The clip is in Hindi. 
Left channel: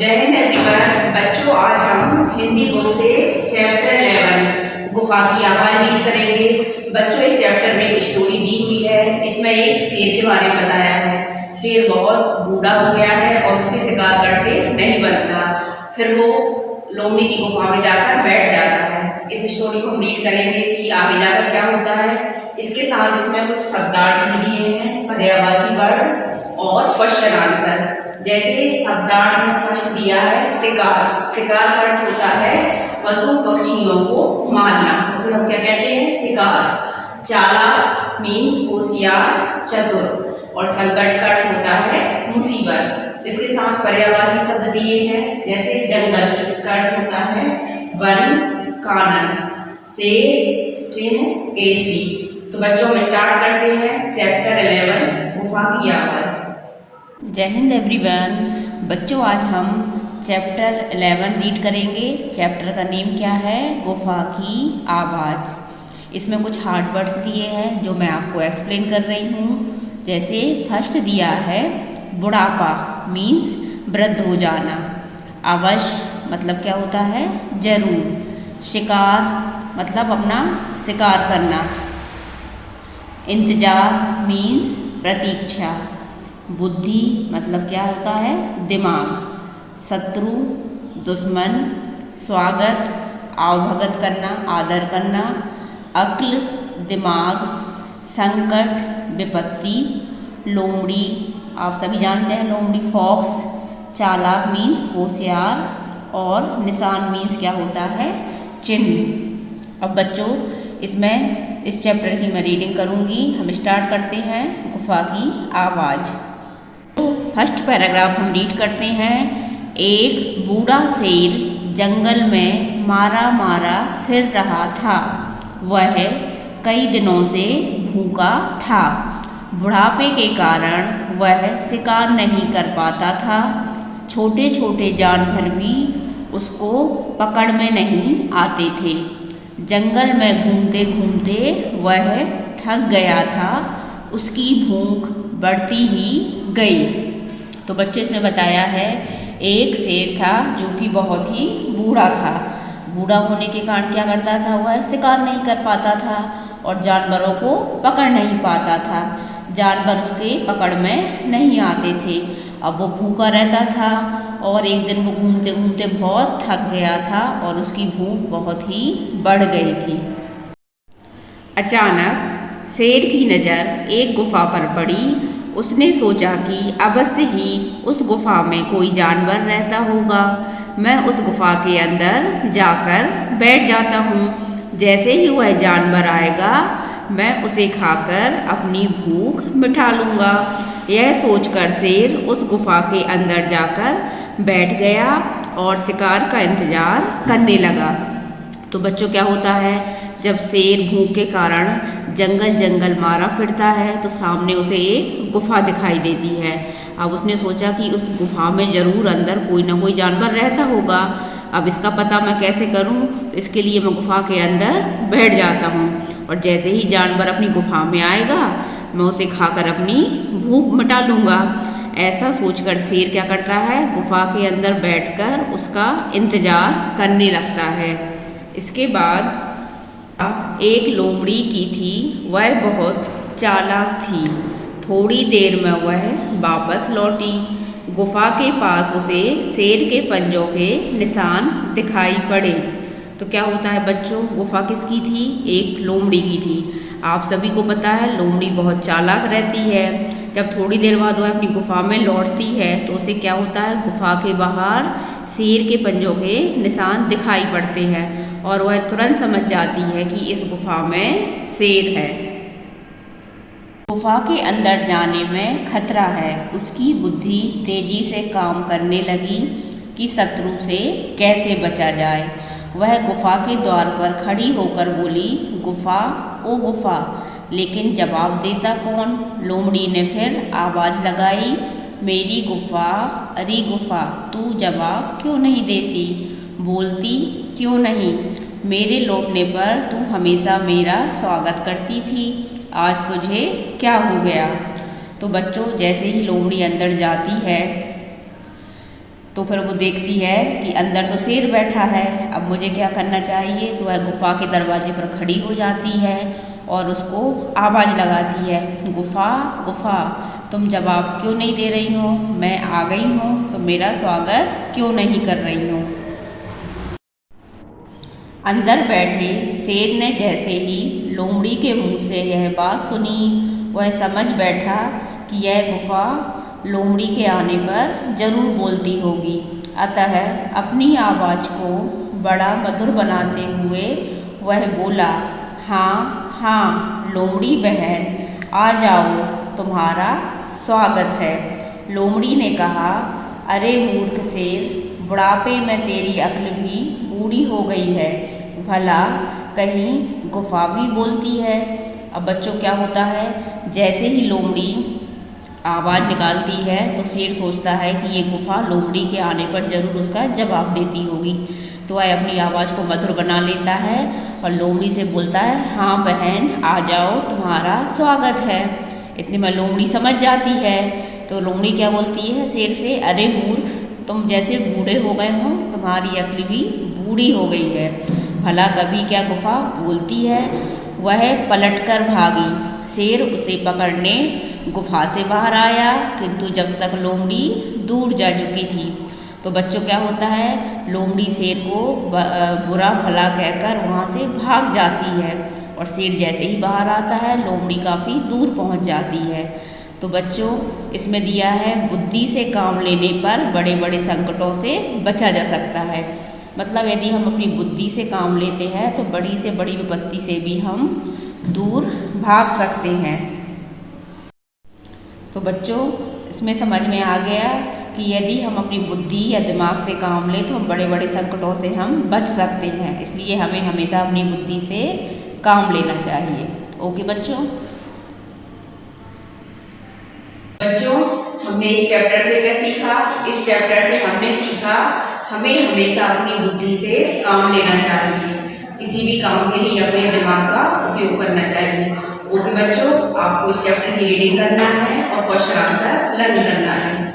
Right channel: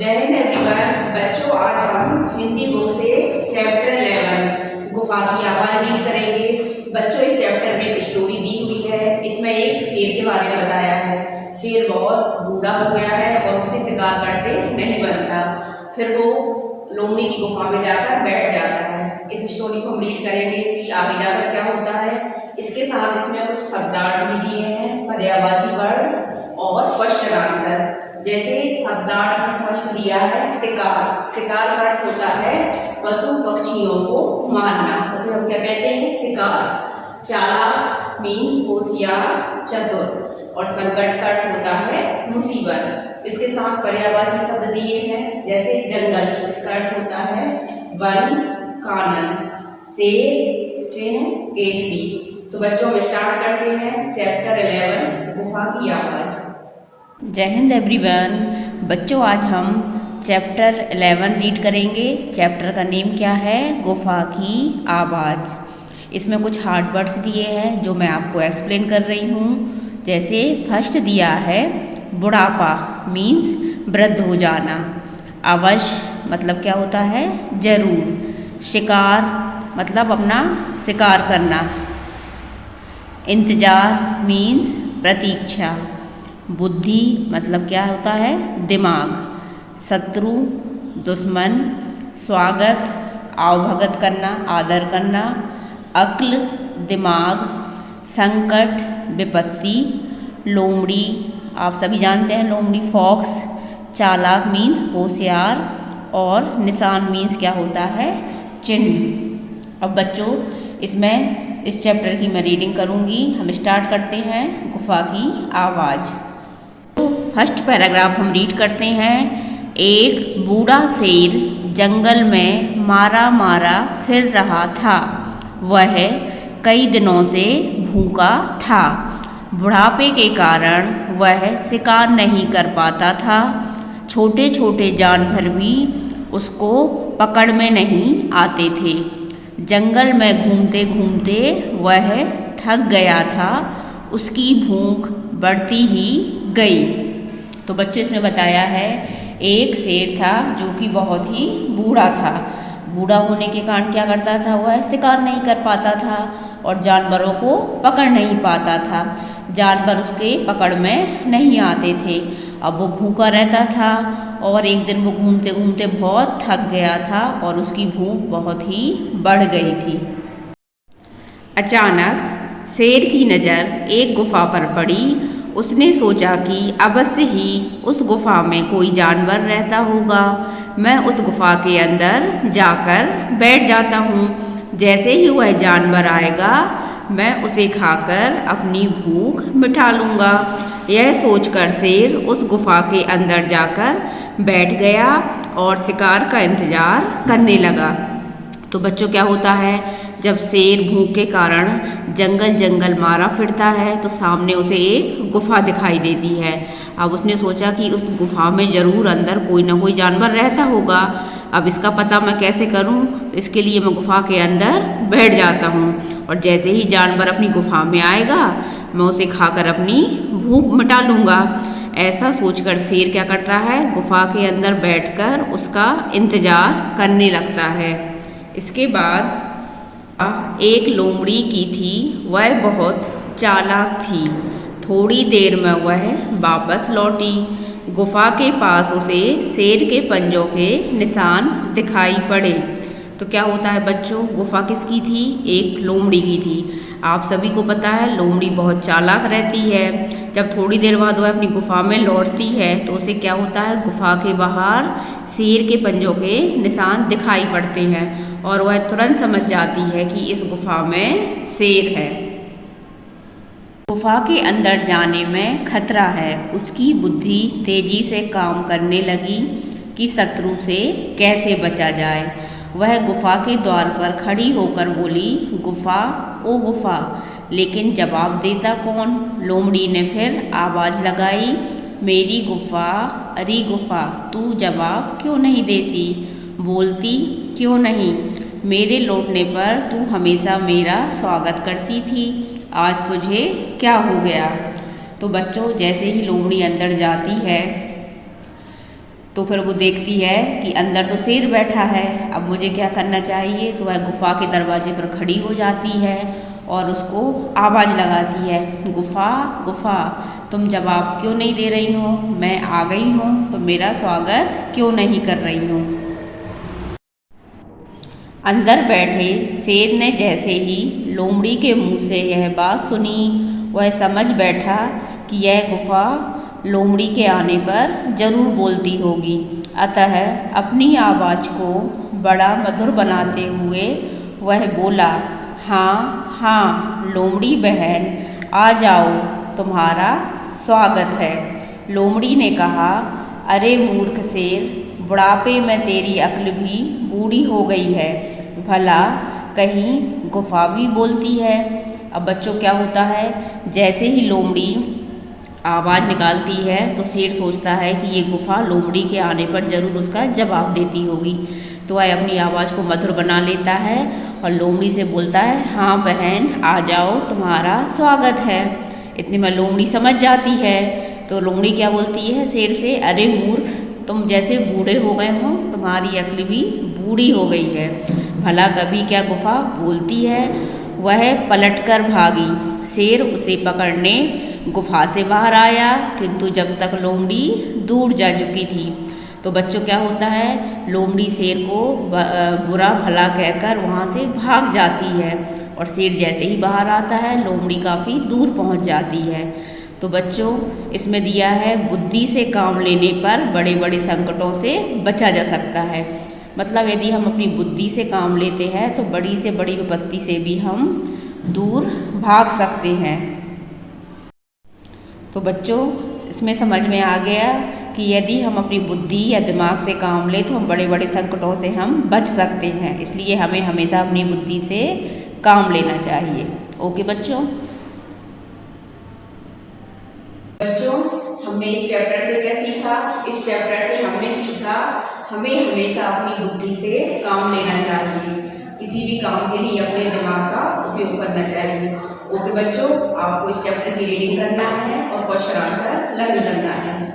जय हिंद एवरीवन। बच्चों, आज हम हिंदी बुक से चैप्टर 11 गुफा की आवाज़ रीड करेंगे। बच्चों, इस चैप्टर में एक स्टोरी दी हुई है। इसमें एक शेर के बारे में बताया है। शेर बहुत बूढ़ा हो गया है और उससे शिकार करके नहीं बनता। फिर वो लोमड़ी की गुफा में जाकर बैठ जाता है। इस स्टोरी को हम रीड करेंगे कि आगे जाकर क्या होता है। इसके साथ इसमें कुछ शब्दार्थ भी दिए हैं, पर्यायवाची वर्ड और क्वेश्चन आंसर। जैसे शब्दार्थ में फर्स्ट दिया है शिकार। शिकार का अर्थ होता है पशु पक्षियों को मारना, उसे हम क्या कहते हैं, शिकार। चालाक मीन्स होशियार, चतुर। और संकट का अर्थ होता है मुसीबत। इसके साथ पर्यायवाची शब्द दिए हैं, जैसे जंगल, इसका अर्थ होता है वन, कानन। शेर, सिंह, केसरी। तो बच्चों, हम स्टार्ट करते हैं चैप्टर 11 गुफा की आवाज़। जय हिंद एवरीवन। बच्चों, आज हम चैप्टर 11 रीड करेंगे। चैप्टर का नेम क्या है? गुफा की आवाज़। इसमें कुछ हार्ड वर्ड्स दिए हैं जो मैं आपको एक्सप्लेन कर रही हूँ। जैसे फर्स्ट दिया है बुढ़ापा मीन्स वृद्ध हो जाना। अवश्य मतलब क्या होता है? जरूर। शिकार मतलब अपना शिकार करना। इंतजार मीन्स प्रतीक्षा। बुद्धि मतलब क्या होता है? दिमाग। शत्रु, दुश्मन। स्वागत आवभगत करना, आदर करना। अक्ल दिमाग। संकट विपत्ति। लोमड़ी आप सभी जानते हैं, लोमड़ी फॉक्स। चालाक मीन्स होशियार और निशान मीन्स क्या होता है? चिन्ह। अब बच्चों, इसमें इस चैप्टर की मैं रीडिंग करूँगी। हम स्टार्ट करते हैं गुफा की आवाज़। फर्स्ट पैराग्राफ हम रीड करते हैं। एक बूढ़ा शेर जंगल में मारा मारा फिर रहा था। वह कई दिनों से भूखा था। बुढ़ापे के कारण वह शिकार नहीं कर पाता था। छोटे छोटे जानवर भी उसको पकड़ में नहीं आते थे। जंगल में घूमते घूमते वह थक गया था। उसकी भूख बढ़ती ही गई। तो बच्चे इसमें बताया है, एक शेर था जो कि बहुत ही बूढ़ा था। बूढ़ा होने के कारण क्या करता था? वह शिकार नहीं कर पाता था और जानवरों को पकड़ नहीं पाता था। जानवर उसके पकड़ में नहीं आते थे। अब वो भूखा रहता था और एक दिन वो घूमते घूमते बहुत थक गया था और उसकी भूख बहुत ही बढ़ गई थी। अचानक शेर की नज़र एक गुफा पर पड़ी। उसने सोचा कि अवश्य ही उस गुफा में कोई जानवर रहता होगा। मैं उस गुफा के अंदर जाकर बैठ जाता हूँ। जैसे ही वह जानवर आएगा मैं उसे खाकर अपनी भूख मिटा लूँगा। यह सोचकर शेर उस गुफा के अंदर जाकर बैठ गया और शिकार का इंतज़ार करने लगा। तो बच्चों, क्या होता है, जब शेर भूख के कारण जंगल जंगल मारा फिरता है तो सामने उसे एक गुफा दिखाई देती है। अब उसने सोचा कि उस गुफा में ज़रूर अंदर कोई ना कोई जानवर रहता होगा। अब इसका पता मैं कैसे करूं? तो इसके लिए मैं गुफा के अंदर बैठ जाता हूं और जैसे ही जानवर अपनी गुफा में आएगा मैं उसे खाकर अपनी भूख मिटा लूँगा। ऐसा सोचकर शेर क्या करता है? गुफा के अंदर बैठकर उसका इंतज़ार करने लगता है। इसके बाद एक लोमड़ी की थी। वह बहुत चालाक थी। थोड़ी देर में वह वापस लौटी। गुफा के पास उसे शेर के पंजों के निशान दिखाई पड़े। तो क्या होता है बच्चों, गुफा किसकी थी? एक लोमड़ी की थी। आप सभी को पता है लोमड़ी बहुत चालाक रहती है। जब थोड़ी देर बाद वह अपनी गुफा में लौटती है तो उसे क्या होता है? गुफा के बाहर शेर के पंजों के निशान दिखाई पड़ते हैं और वह तुरंत समझ जाती है कि इस गुफा में शेर है। गुफा के अंदर जाने में खतरा है। उसकी बुद्धि तेजी से काम करने लगी कि शत्रु से कैसे बचा जाए। वह गुफा के द्वार पर खड़ी होकर बोली, गुफा ओ गुफा। लेकिन जवाब देता कौन? लोमड़ी ने फिर आवाज़ लगाई, मेरी गुफा, अरे गुफा, तू जवाब क्यों नहीं देती? बोलती क्यों नहीं? मेरे लौटने पर तू हमेशा मेरा स्वागत करती थी, आज तुझे क्या हो गया? तो बच्चों, जैसे ही लोमड़ी अंदर जाती है तो फिर वो देखती है कि अंदर तो शेर बैठा है, अब मुझे क्या करना चाहिए। तो वह गुफ़ा के दरवाजे पर खड़ी हो जाती है और उसको आवाज़ लगाती है, गुफ़ा गुफ़ा तुम जवाब क्यों नहीं दे रही हो, मैं आ गई हूँ तो मेरा स्वागत क्यों नहीं कर रही हो। अंदर बैठे शेर ने जैसे ही लोमड़ी के मुंह से यह बात सुनी, वह समझ बैठा कि यह गुफ़ा लोमड़ी के आने पर जरूर बोलती होगी। अतः अपनी आवाज़ को बड़ा मधुर बनाते हुए वह बोला, हाँ हाँ लोमड़ी बहन, आ जाओ, तुम्हारा स्वागत है। लोमड़ी ने कहा, अरे मूर्ख शेर, बुढ़ापे में तेरी अक्ल भी बूढ़ी हो गई है, भला कहीं गुफ़ा भी बोलती है। अब बच्चों क्या होता है, जैसे ही लोमड़ी आवाज़ निकालती है तो शेर सोचता है कि ये गुफ़ा लोमड़ी के आने पर ज़रूर उसका जवाब देती होगी। तो वह अपनी आवाज़ को मधुर बना लेता है और लोमड़ी से बोलता है, हाँ बहन आ जाओ, तुम्हारा स्वागत है। इतने में लोमड़ी समझ जाती है। तो लोमड़ी क्या बोलती है शेर से, अरे मूर्ख, तुम जैसे बूढ़े हो गए हो, तुम्हारी अक्ल भी बूढ़ी हो गई है, भला कभी क्या गुफ़ा बोलती है। वह पलटकर भागी। शेर उसे पकड़ने गुफ़ा से बाहर आया, किंतु जब तक लोमड़ी दूर जा चुकी थी। तो बच्चों क्या होता है, लोमड़ी शेर को बुरा भला कहकर वहाँ से भाग जाती है और शेर जैसे ही बाहर आता है लोमड़ी काफ़ी दूर पहुँच जाती है। तो बच्चों इसमें दिया है, बुद्धि से काम लेने पर बड़े बड़े संकटों से बचा जा सकता है। मतलब यदि हम अपनी बुद्धि से काम लेते हैं तो बड़ी से बड़ी विपत्ति से भी हम दूर भाग सकते हैं। तो बच्चों इसमें समझ में आ गया कि यदि हम अपनी बुद्धि या दिमाग से काम लें तो हम बड़े बड़े संकटों से हम बच सकते हैं। इसलिए हमें हमेशा अपनी बुद्धि से काम लेना चाहिए। ओके बच्चों। बच्चों हमने इस चैप्टर से क्या सीखा, इस चैप्टर से हमने सीखा हमें हमेशा अपनी बुद्धि से काम लेना चाहिए, किसी भी काम के लिए अपने दिमाग का उपयोग करना चाहिए। ओके बच्चों, आपको इस चैप्टर की रीडिंग करना है और क्वेश्चन आंसर लर्न करना है।